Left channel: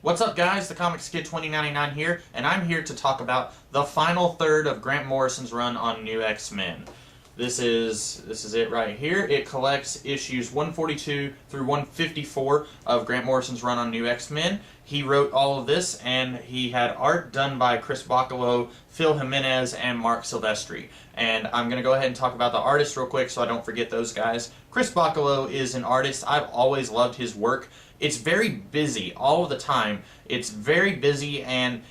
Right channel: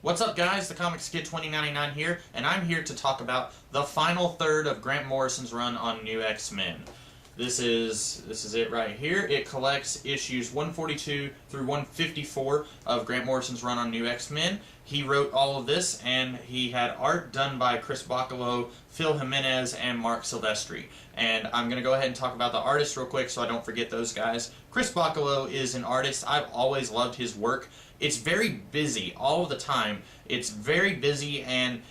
What's up, guys? The Comics Kid 2099 here, and I'm here to talk about the final third of Grant Morrison's run on New X-Men. This is it right here. It collects issues 142 through 154 of Grant Morrison's run on New X-Men. He wrote all of this, and he had art done by Chris Bachalo, Phil Jimenez, and Marc Silvestri. And I'm going to go ahead and talk about the artists real quick so I don't forget those guys. Chris Bachalo is an artist. I've always loved his work. It's very busy all of the time. It's very busy, and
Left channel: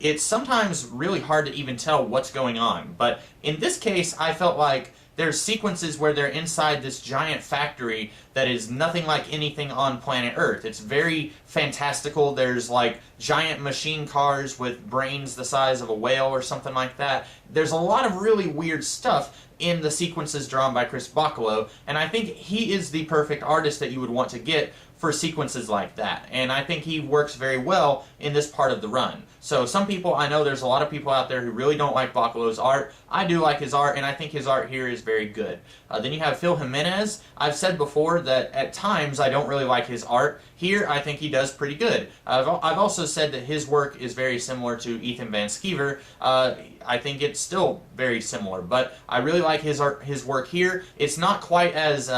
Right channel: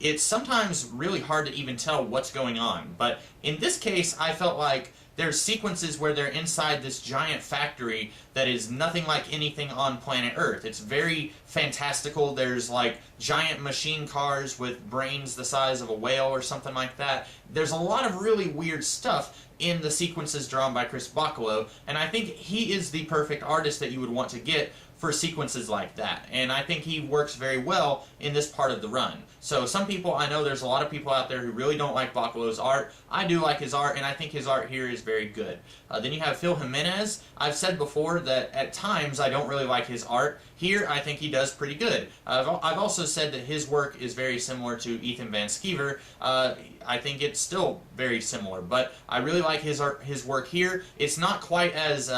it's sometimes really hard to even tell what's going on. But in this case, I felt like there's sequences where they're inside this giant factory that is nothing like anything on planet Earth. It's very fantastical. There's like giant machine cars with brains the size of a whale or something like that. There's a lot of really weird stuff in the sequences drawn by Chris Bachalo, and I think he is the perfect artist that you would want to get for sequences like that. And I think he works very well in this part of the run. So some people, I know there's a lot of people out there who really don't like Bachalo's art. I do like his art, and I think his art here is very good. Then you have Phil Jimenez. I've said before that at times I don't really like his art. Here, I think he does pretty good. I've also said that his work is very similar to Ethan Van Sciver. I think it's still very similar, but I really like his work here. It's not quite as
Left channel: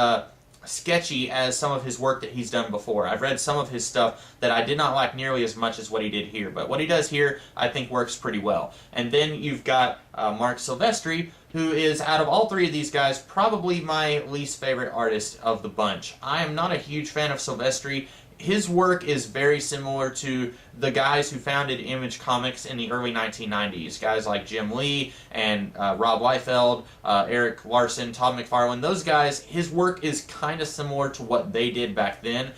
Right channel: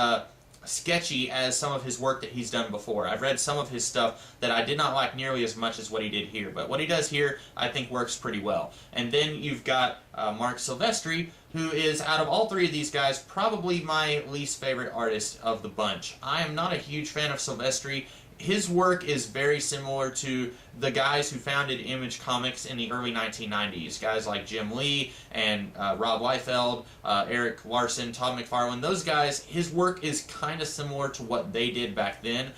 sketchy as some of his work that he's done before. I've read some of his stuff that I did not like nearly as much as what he did here, but what he does here I think works pretty well. And then you've got Marc Silvestri, who is, out of all three of these guys, probably my least favorite artist of the bunch. I am not a huge fan of Silvestri. His work is very similar to the guys who founded Image Comics in the early 1990s. Guys like Jim Lee and Rob Liefeld, Eric Larson, Todd McFarlane. Those guys, his work is kind of similar to what they did back then.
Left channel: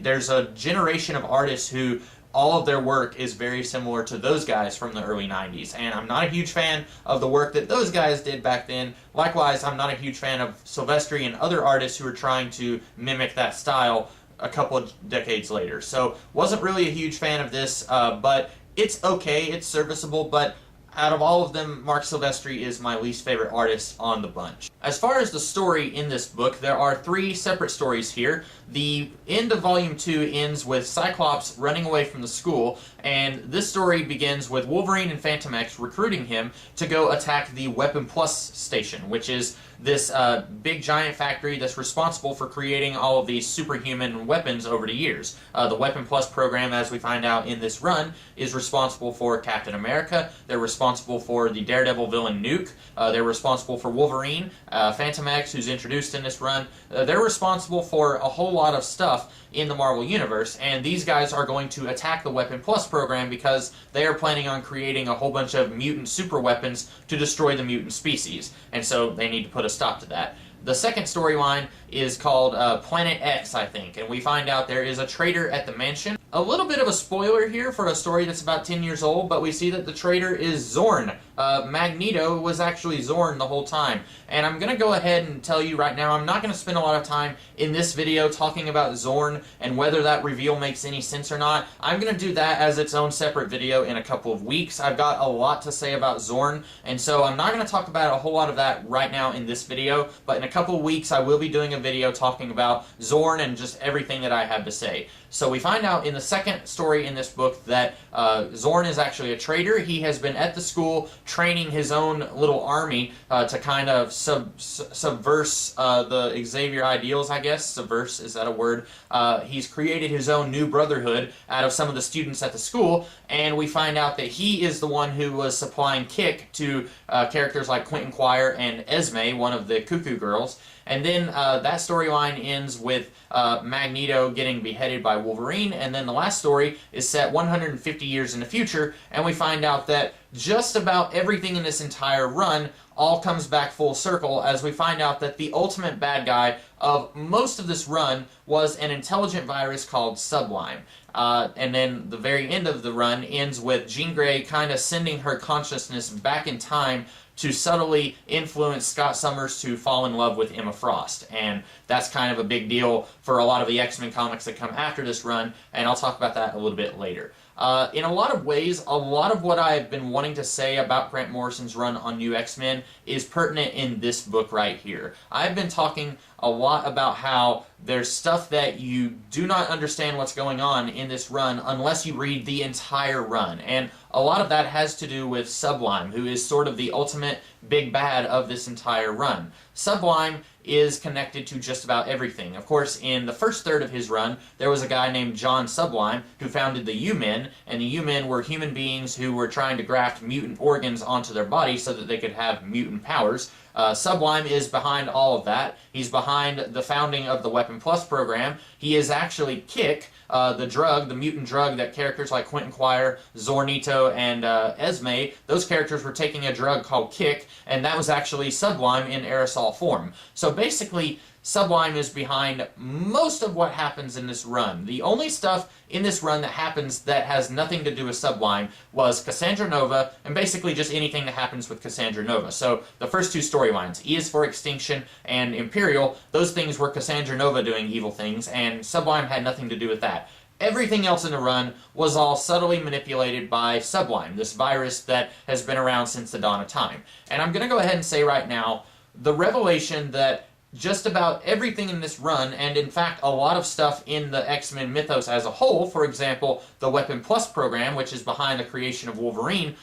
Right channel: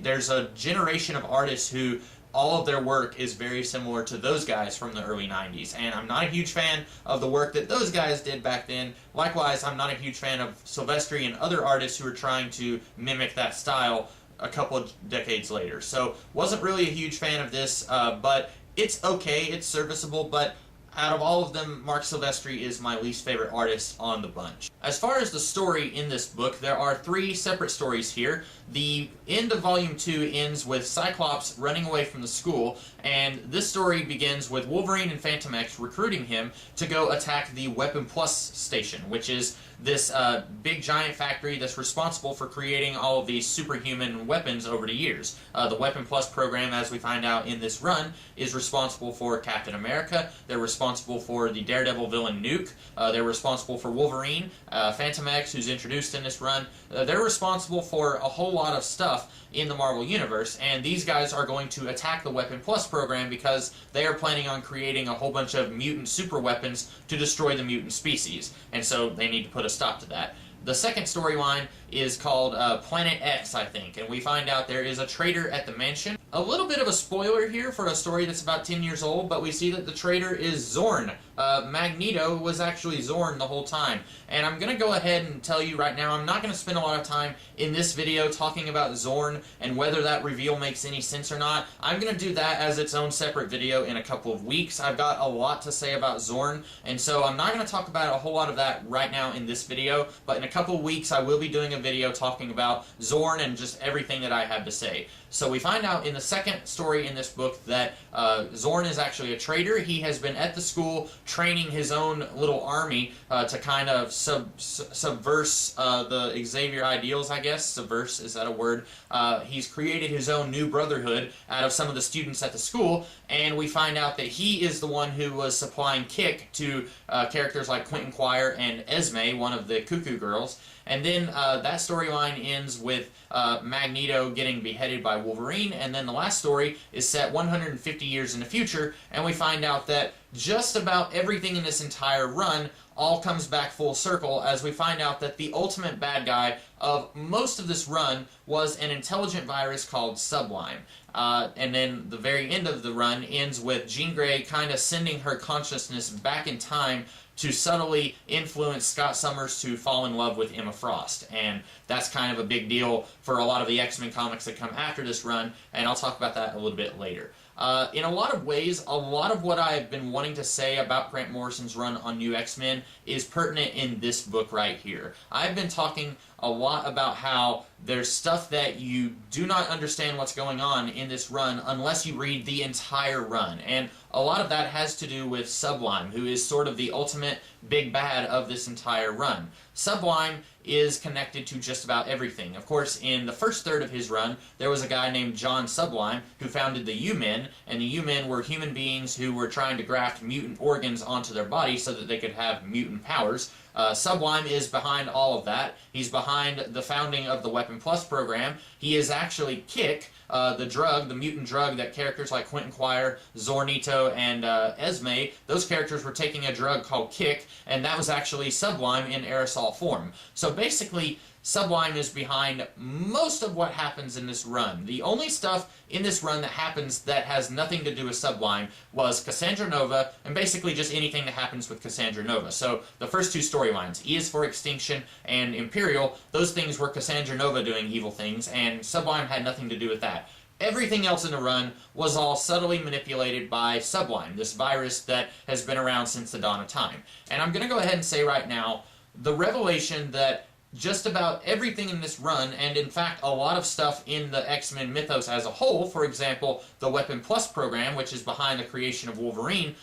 There's a generation of artists who all of their work is very similar to those guys from the early 90s, and I'm not a huge fan of the work that those guys did back then. Likewise, I'm not a huge fan of Silvestri and other artists who are trying to mimic that style a couple of decades later. So wasn't really a huge fan of this, but it's okay, it's serviceable, but out of all of them, Marc Silvestri is my least favorite artist on the bunch. As far as the story in this book, there are three separate stories here. The end of Volume 2 ends with Cyclops running away from the school, and this story begins with Wolverine and Phantom X recruiting him to go attack the Weapon Plus station, which is this big giant factory that's responsible for creating all of these superhuman weapons over the years. The Weapon Plus program, as we find out in this run, is responsible for Captain America. They're responsible for the Daredevil villain Nuke. They're responsible for Wolverine, Phantom X, who's introduced in this run. They're responsible for a whole lot of stuff in the Marvel Universe, and these guys are going to attack the Weapon Plus program because they are planning on creating a whole bunch of mutant super weapons to destroy the mutant species, and so they need to put a stop to that. The second storyline is called Planet X, I think, and we find out there is a traitor at the mansion. A little bit of a spoiler here for a story that's about 10 years old, but we see that the traitor is Zorn. Magneto was actually Zorn the whole time. And I'm going to go ahead and tell you right now, I'm not going to spend a lot of time in this video talking about Zorn and whether that reveal makes any sense or not. I'm going to do that as its own separate video in a couple of weeks. I've got a lot to say about Zorn, and so I'm not going to talk about a whole lot of that right now in this video, but in a couple of weeks I will be doing a video talking about Zorn and just everything that I have to say. So we find out in the second story in this book that Zorn is actually a traitor. He has been at the school training his own little army to kind of subverse the Xavier ideals, I guess. Subverse, is that a word? He's created his own new brotherhood out of some of the students at the school, and we find out that he is the one who was supplying kick to characters like Quentin Quire and Esme, one of the Cuckoo Girls. And then that storyline ends with Magneto getting beheaded by Wolverine, and then the last story is set 150 years in the future, and we find out that just about everything in this entire run all comes back full circle as we find out that the ultimate bad guy of most of this run was an intelligent virus called Sublime. And then the very end of the run ends with Jean Grey kind of sending her consciousness back in time to subtly influence Scott Summers to fall in love with Emma Frost. And that's kind of a big deal for a lot of the X-Men comics that come after this run, and I'll talk about that a little bit later. In a lot of ways, a lot of what I've been wanting to say about Grant Morrison's run on New X-Men is pertinent in this book right here. I've been talking a lot about how there's stuff that you do not understand what's going on in this run unless you read the entire run. And a lot of that has to do with Sublime, who is sort of the ultimate big bad of this entire run. Sublime is connected to just about everything. Of course, in the first third of his run, there was a guy named John Sublime who founded the U-Men, and the U-Men were human beings who were trying to graft mutant organs onto their body so that they could have mutant powers. Sublime is behind all of that. He's behind the founding of the Weapon Plus program. He is actually Kick, the drug, the mutant drug that characters like Quentin Quire, Zornito, and Esme, those characters were taking a drug called Kick, and that was actually Sublime in aerosol form. So basically, Sublime is behind most of what happens in this run. The only stuff in this run that happens that has nothing to do with Sublime was Cassandra Nova, and basically just anything that happens with Cassandra Nova. So the first two storylines, E is for Extinction and Imperial, those things were Cassandra Nova doing evil things, and Sublime had nothing to do with that. Everything else in the run was all subtly manipulated by Sublime, this virus that has been around since the dawn of time. And I'm going to go ahead and say right now, the revelation that just about everything in this run, and in fact a lot of stuff in the X-Men mythos as a whole, for example, the Weapon Plus program, which is behind the creation of Wolverine,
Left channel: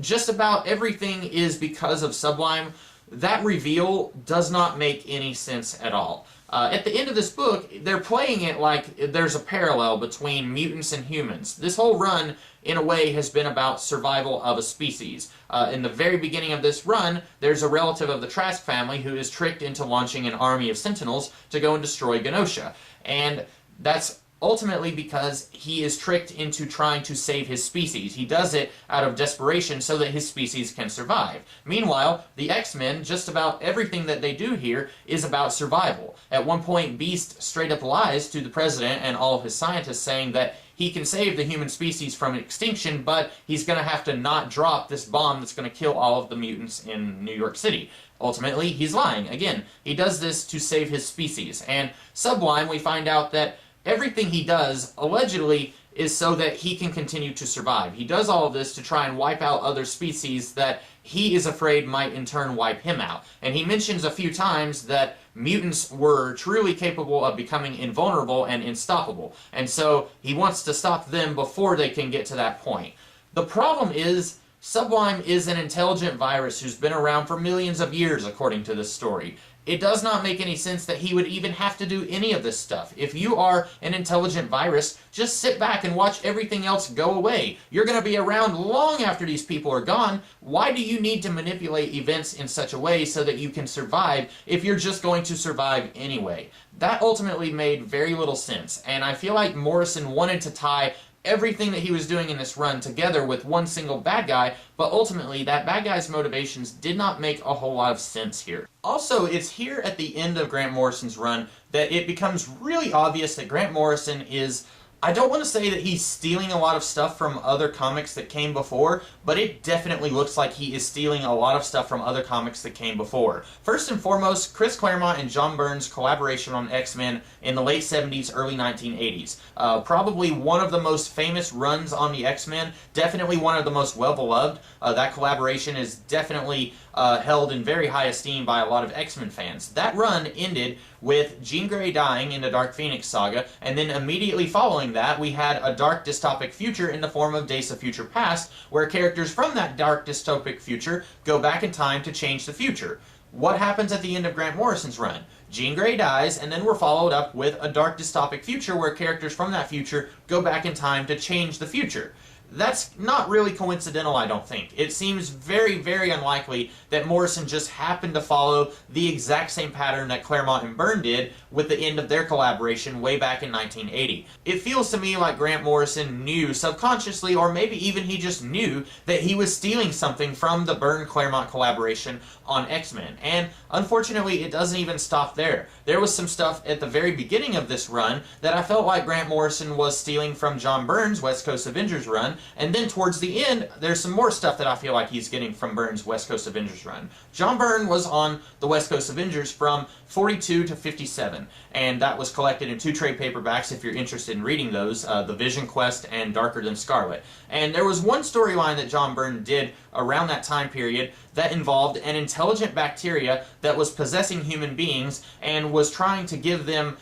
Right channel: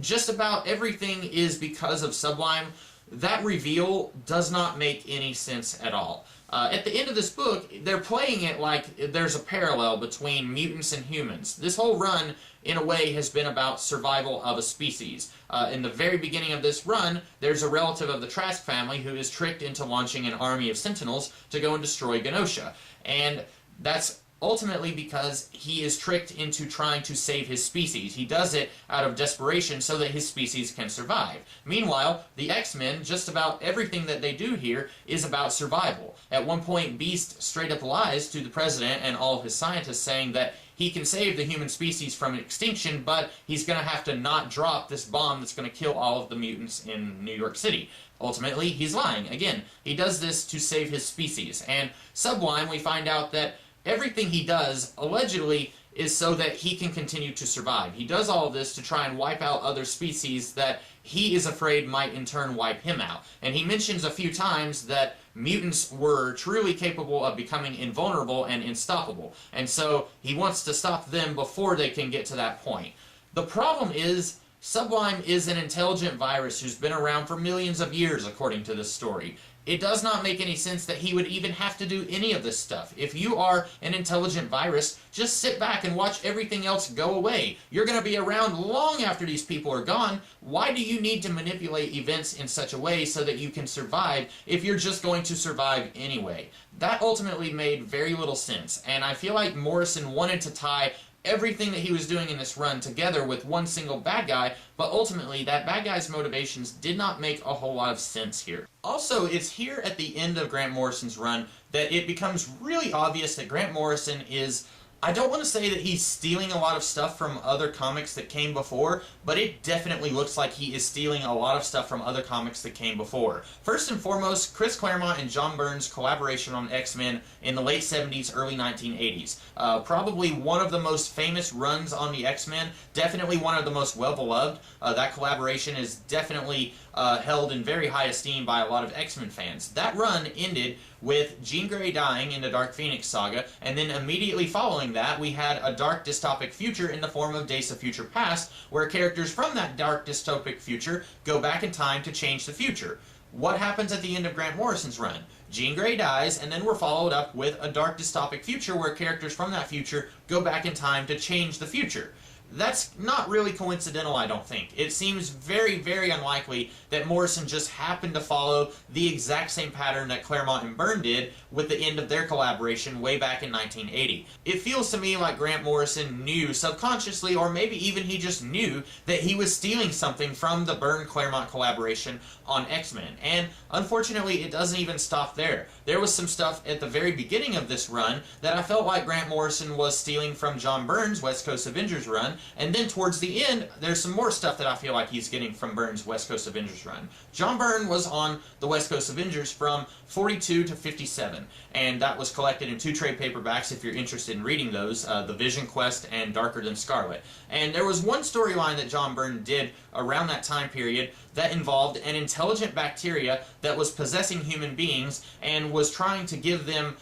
just about everything is because of Sublime. That reveal does not make any sense at all. At the end of this book, they're playing it like there's a parallel between mutants and humans. This whole run, in a way, has been about survival of a species. In the very beginning of this run, there's a relative of the Trask family who is tricked into launching an army of Sentinels to go and destroy Genosha. And that's ultimately because he is tricked into trying to save his species. He does it out of desperation so that his species can survive. Meanwhile, the X-Men, just about everything that they do here is about survival. At one point, Beast straight up lies to the President and all of his scientists, saying that he can save the human species from extinction, but he's going to have to not drop this bomb that's going to kill all of the mutants in New York City. Ultimately, he's lying. Again, he does this to save his species. And Sublime, we find out that everything he does, allegedly, is so that he can continue to survive. He does all of this to try and wipe out other species that he is afraid might in turn wipe him out. And he mentions a few times that mutants were truly capable of becoming invulnerable and unstoppable. And so he wants to stop them before they can get to that point. The problem is, Sublime is an intelligent virus who's been around for millions of years, according to this story. It does not make any sense that he would even have to do any of this stuff. If you are an intelligent virus, just sit back and watch everything else go away. You're going to be around long after these people are gone. Why do you need to manipulate events in such a way so that you can survive if you're just going to survive anyway? That ultimately made very little sense, and I feel like Morrison wanted to tie everything that he was doing in this run together with one single bad guy, but ultimately that bad guy's motivations did not make a whole lot of sense here. Also, it's here at the end of Grant Morrison's run that it becomes really obvious that Grant Morrison is, I don't want to say that he's stealing a lot of stuff from other comics that came before, but it definitely looks like he is stealing a lot of stuff from other comics that came before. First and foremost, Chris Claremont and John Byrne's collaboration on X-Men in the late 70s, early 1980s. Probably one of the most famous runs on the X-Men, definitely one of the most well-beloved. That collaboration is definitely held in very high esteem by a lot of X-Men fans. That run ended with Jean Grey dying in the Dark Phoenix saga, and then immediately following that, we had a dark dystopic future in the form of Days of Future Past, where characters from that dark dystopic future go back in time to change the future. What happens at the end of Grant Morrison's run? Jean Grey dies, and then we're followed up with a dark dystopic future where characters from that future go back in time to change the future. That's not really coincidental, I don't think. It seems very, very unlikely that Morrison just happened to follow the exact same pattern that Claremont and Byrne did with the end of their collaboration way back in 1980. It feels to me like Grant Morrison knew subconsciously, or maybe even he just knew, that he was stealing something from the Byrne-Claremont collaboration on X-Men. And unfortunately, it doesn't even stop there. There was some stuff at the very beginning of this run that I felt like Grant Morrison was stealing from John Byrne's West Coast Avengers run, and then towards the end, there's some more stuff that I feel like he's getting from Byrne's West Coast Avengers run. John Byrne was on the West Coast Avengers from 42 to 57, and that was collected in 2 trade paperbacks if you're interested in reading those, The Vision Quest and Darker Than Scarlet. And there was one storyline that John Byrne did around that time period that involved an intelligent bacteria that was possessing human beings and was trying to give them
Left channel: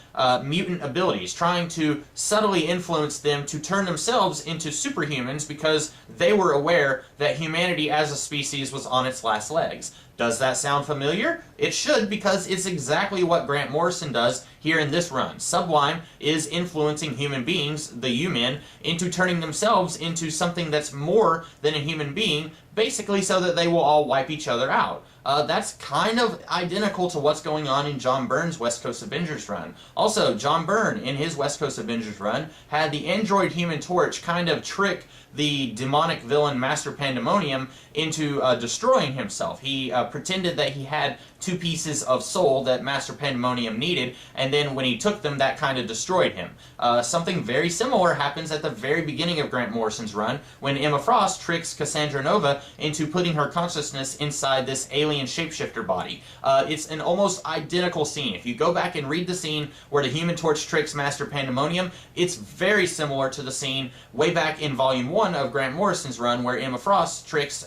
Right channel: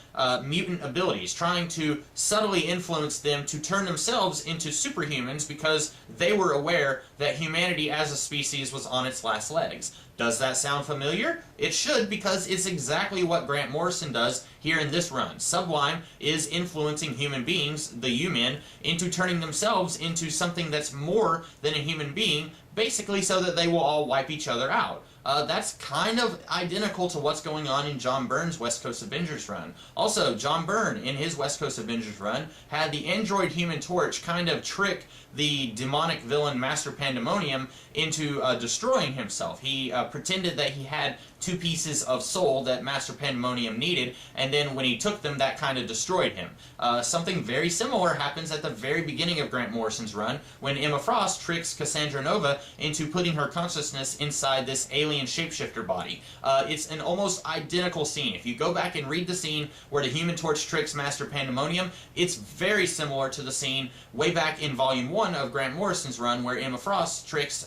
mutant abilities, trying to subtly influence them to turn themselves into superhumans because they were aware that humanity as a species was on its last legs. Does that sound familiar? It should, because it's exactly what Grant Morrison does here in this run. Sublime is influencing human beings, the U-Men, into turning themselves into something that's more than a human being, basically so that they will all wipe each other out. That's kind of identical to what's going on in John Byrne's West Coast Avengers run. Also, John Byrne, in his West Coast Avengers run, had the android Human Torch kind of trick the demonic villain Master Pandemonium into destroying himself. He pretended that he had 2 pieces of soul that Master Pandemonium needed, and then when he took them, that kind of destroyed him. Something very similar happens at the very beginning of Grant Morrison's run, when Emma Frost tricks Cassandra Nova into putting her consciousness inside this alien shapeshifter body. It's an almost identical scene. If you go back and read the scene where the Human Torch tricks Master Pandemonium, it's very similar to the scene way back in Volume 1 of Grant Morrison's run where Emma Frost tricks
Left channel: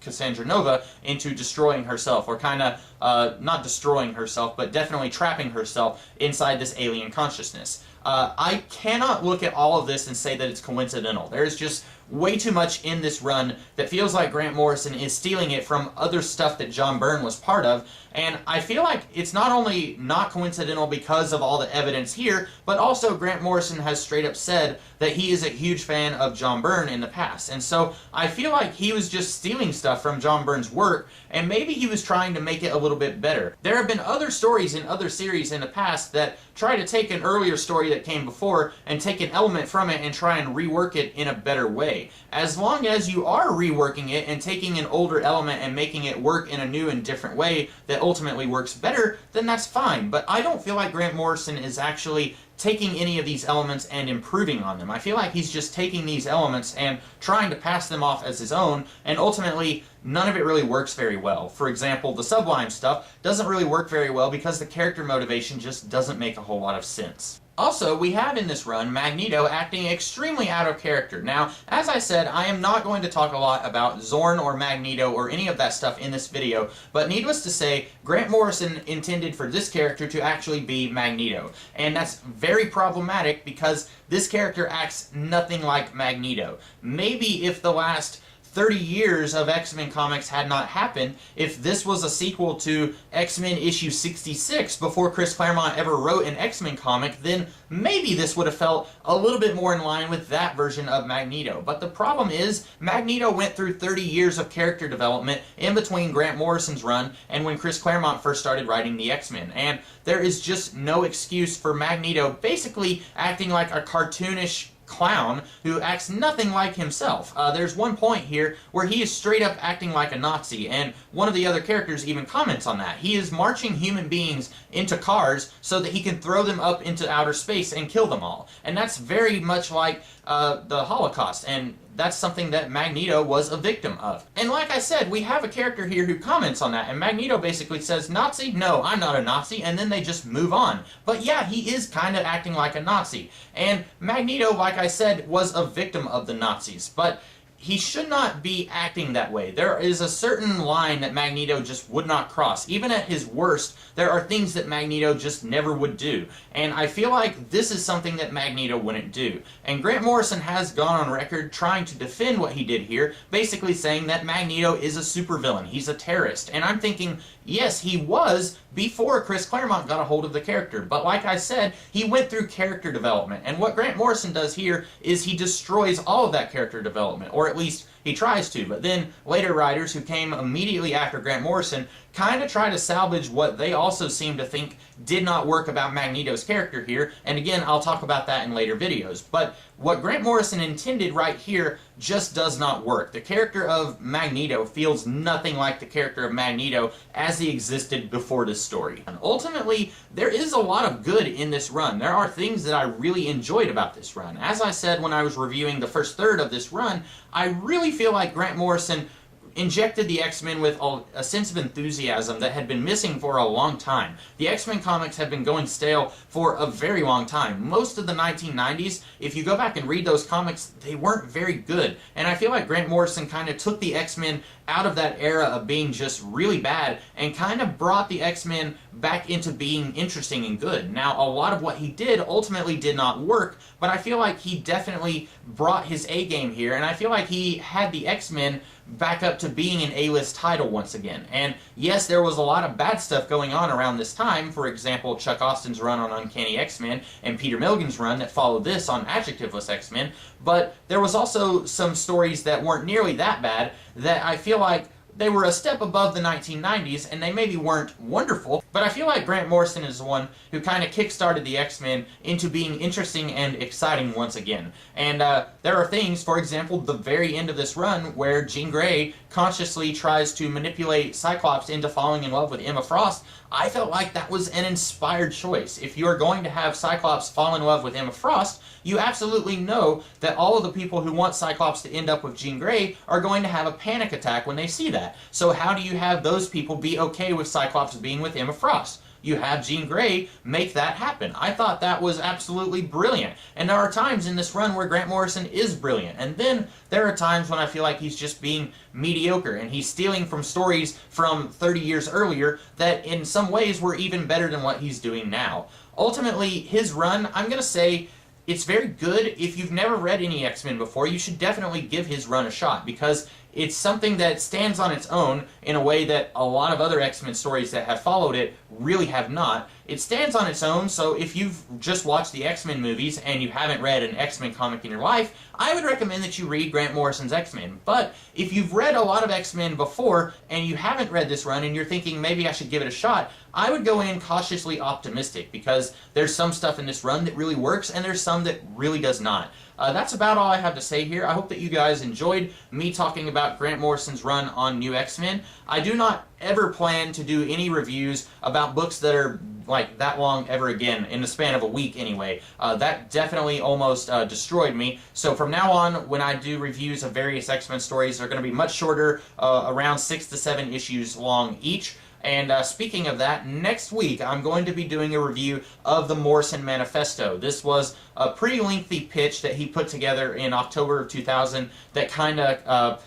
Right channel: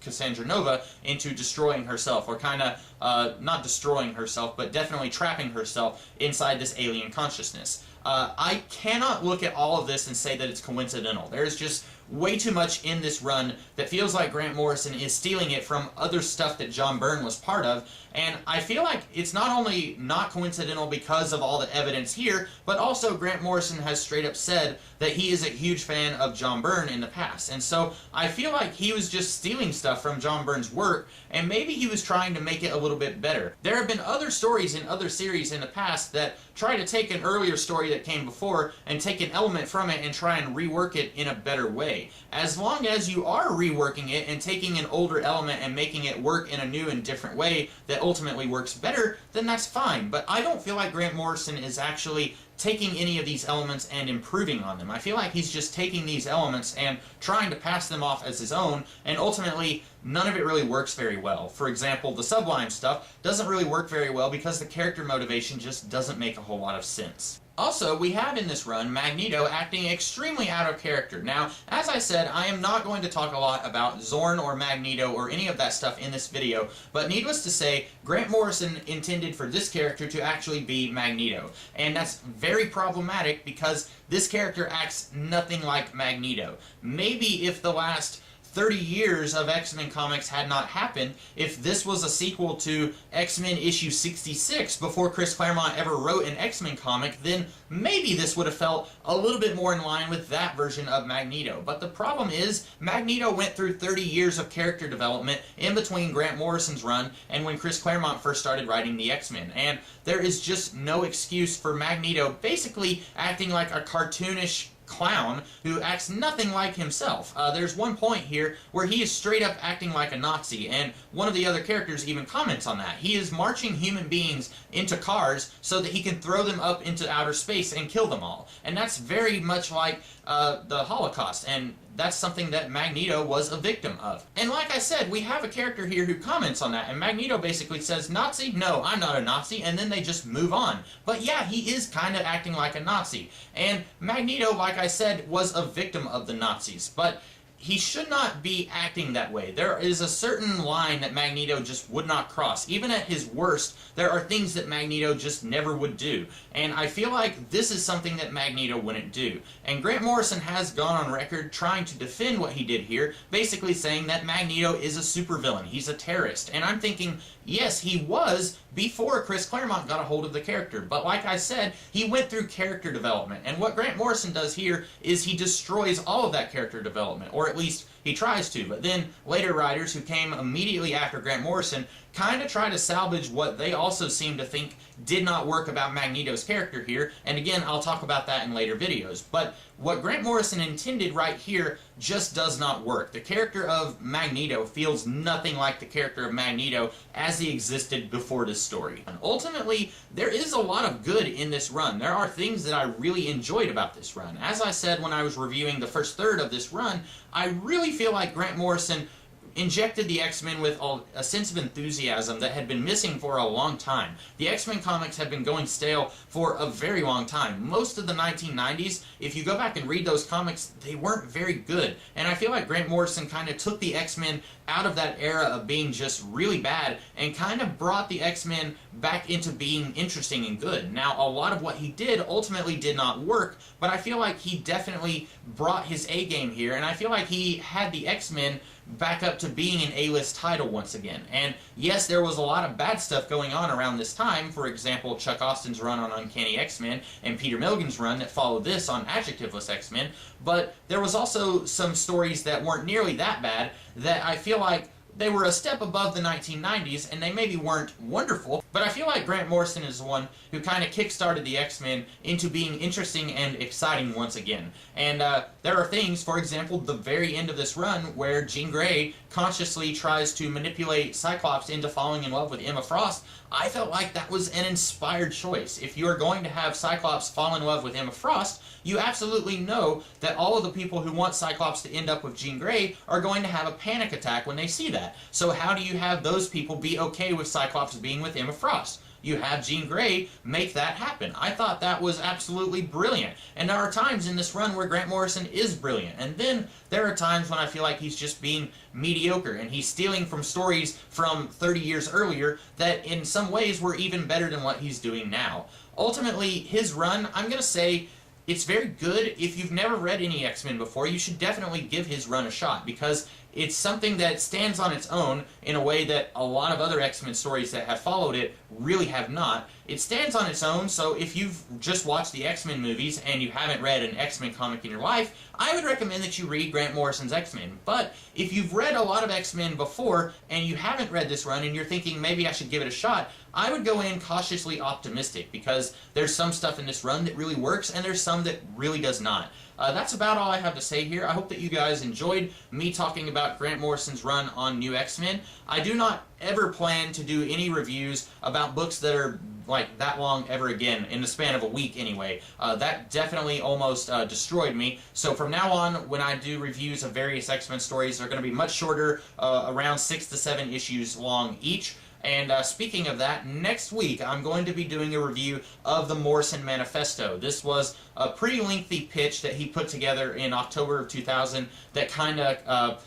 Cassandra Nova into destroying herself, or kind of, not destroying herself, but definitely trapping herself inside this alien consciousness. I cannot look at all of this and say that it's coincidental. There's just way too much in this run that feels like Grant Morrison is stealing it from other stuff that John Byrne was part of, and I feel like it's not only not coincidental because of all the evidence here, but also Grant Morrison has straight up said that he is a huge fan of John Byrne in the past, and so I feel like he was just stealing stuff from John Byrne's work, and maybe he was trying to make it a little bit better. There have been other stories in other series in the past that try to take an earlier story that came before and take an element from it and try and rework it in a better way. As long as you are reworking it and taking an older element and making it work in a new and different way that ultimately works better, then that's fine. But I don't feel like Grant Morrison is actually taking any of these elements and improving on them. I feel like he's just taking these elements and trying to pass them off as his own, and ultimately none of it really works very well. For example, the Sublime stuff doesn't really work very well because the character motivation just doesn't make a whole lot of sense. Also, we have in this run Magneto acting extremely out of character. Now, as I said, I am not going to talk a lot about Zorn or Magneto or any of that stuff in this video, but needless to say, Grant Morrison intended for this character to actually be Magneto. And that's very problematic because this character acts nothing like Magneto. Maybe if the last 30 years of X-Men comics had not happened, if this was a sequel to X-Men issue 66 before Chris Claremont ever wrote an X-Men comic, then maybe this would have felt a little bit more in line with that version of Magneto. But the problem is, Magneto went through 30 years of character development in between Grant Morrison's run and when Chris Claremont first started writing the X-Men, and there is just no excuse for Magneto basically acting like a cartoonish clown who acts nothing like himself. There's one point here where he is straight up acting like a Nazi, and one of the other characters even comments on that. He is marching human beings into cars so that he can throw them up into outer space and kill them all. And that's very much like the Holocaust, and that's something that Magneto was a victim of. And like I said, we have a character here who comments on that, and Magneto basically says, Nazi? No, I'm not a Nazi, and then they just move on. But yeah, he is kind of acting like a Nazi. And Magneto, like I said, was a victim of the Nazis, but he should not be acting that way. There is a certain line that Magneto just would not cross. Even at his worst, there are things that Magneto just never would do. And I feel like this is something that Magneto wouldn't do. And Grant Morrison has gone on record trying to defend what he did here, basically saying that Magneto is a supervillain. He's a terrorist. And I'm thinking, yes, he was before Chris Claremont got a hold of the character. But like I said, he went through character development. And what Grant Morrison does here is he destroys all of that character development, or at least he tries to. But then later writers who came immediately after Grant Morrison kind of try to salvage what they also seem to think did not work about Magneto's character here, and again, I'll talk about that in later videos. But what Grant Morrison intended right here just does not work. The character of Magneto feels nothing like the character of Magneto as he existed before this story. And ultimately, there is a lot of good in this run. There are things that I really enjoyed about this run. As I said when I was reviewing the first third of this run, I really feel like Grant Morrison injected the X-Men with a sense of enthusiasm that had been missing for a long time. The X-Men comics have been going stale for a very long time. Most of the 1990s, if you go back and read those comics, they weren't very good. And I feel like Grant Morrison kind of took the X-Men out of that era of being just really bad and kind of brought the X-Men back into being interesting and good. Now, a lot of what he did ultimately did not work, but I feel like he definitely brought his A-game here, and I feel like he had the X-Men back up to being an A-list title once again. And yes, there was a lot of bad stuff going on around this time. For example, Chuck Austin's run on Uncanny X-Men and Peter Milligan's run that followed this on Adjectiveless X-Men. But there was also some stories that weren't nearly that bad that I feel like they were a step above the 1990s, and they maybe weren't wonderful, but I feel like Grant Morrison is the one who kind of kick-started the X-Men into being interesting and exciting once again. And there are things, for example, the very end of this run, where Jean Grey consciously tries to manipulate Cyclops into falling in love with Emma Frost. I felt like that was an inspired choice. If you are going to have Cyclops fall in love with Emma Frost, you absolutely know that all of the people who want Cyclops to end up with Jean Grey are going to have a panic attack when they see that. So how do you have those people be okay with Cyclops being with Emma Frost? You have Jean Grey make that happen. I thought that was absolutely brilliant. And there are times in this run where Grant Morrison is brilliant. And then there are times when I feel like he's just being mediocre and he's stealing from stories from 30 years earlier that in some ways were even better than what he's doing now. Ultimately, his run, I'm going to say, it's very good. If you've never read any X-Men before, you should definitely give his run a shot, because it's something that stands on its own in a way that a lot of other X-Men stories that have followed it really have not. It stands on its own, so if you've just watched the X-Men movies and you haven't read an X-Men comic in your life, I would recommend that you read Grant Morrison's X-Men. But if you've read a lot of X-Men before and you haven't read this run and you're thinking maybe I should give it a shot, I would go in cautiously optimistic, because there's some stuff in this run that really works and there's some that really does not. That's about all I have to say here. I hope that you guys enjoyed me talking about Grant Morrison's run on New X-Men. I do not ever plan to do any reviews about books that are like that long ever again, in the span of a week anyway. That definitely almost destroyed me. So from now on, when I do reviews of various X-Men stories, they're going to be much shorter, around 6 to 7 issues long each. And speaking of that, next week I'm going to be doing a review of the Morrison Manifesto. This was a pretty lengthy pitch that he put together in October of 2000 that kind of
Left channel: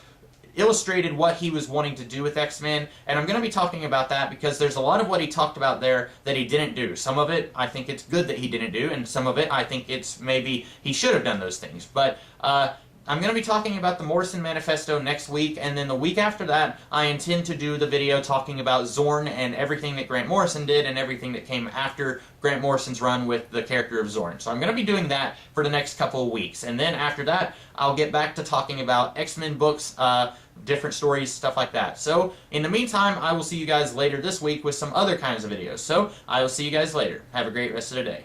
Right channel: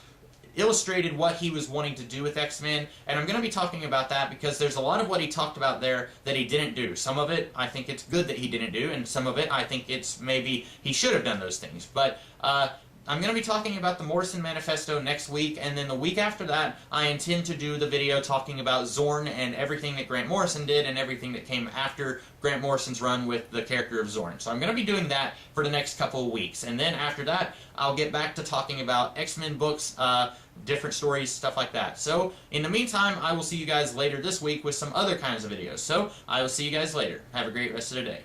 illustrated what he was wanting to do with X-Men, and I'm going to be talking about that because there's a lot of what he talked about there that he didn't do. Some of it I think it's good that he didn't do, and some of it I think it's maybe he should have done those things. But I'm going to be talking about the Morrison Manifesto next week, and then the week after that, I intend to do the video talking about Zorn and everything that Grant Morrison did and everything that came after Grant Morrison's run with the character of Zorn. So I'm going to be doing that for the next couple of weeks, and then after that, I'll get back to talking about X-Men books, different stories, stuff like that. So in the meantime, I will see you guys later this week with some other kinds of videos. So I will see you guys later. Have a great rest of the day.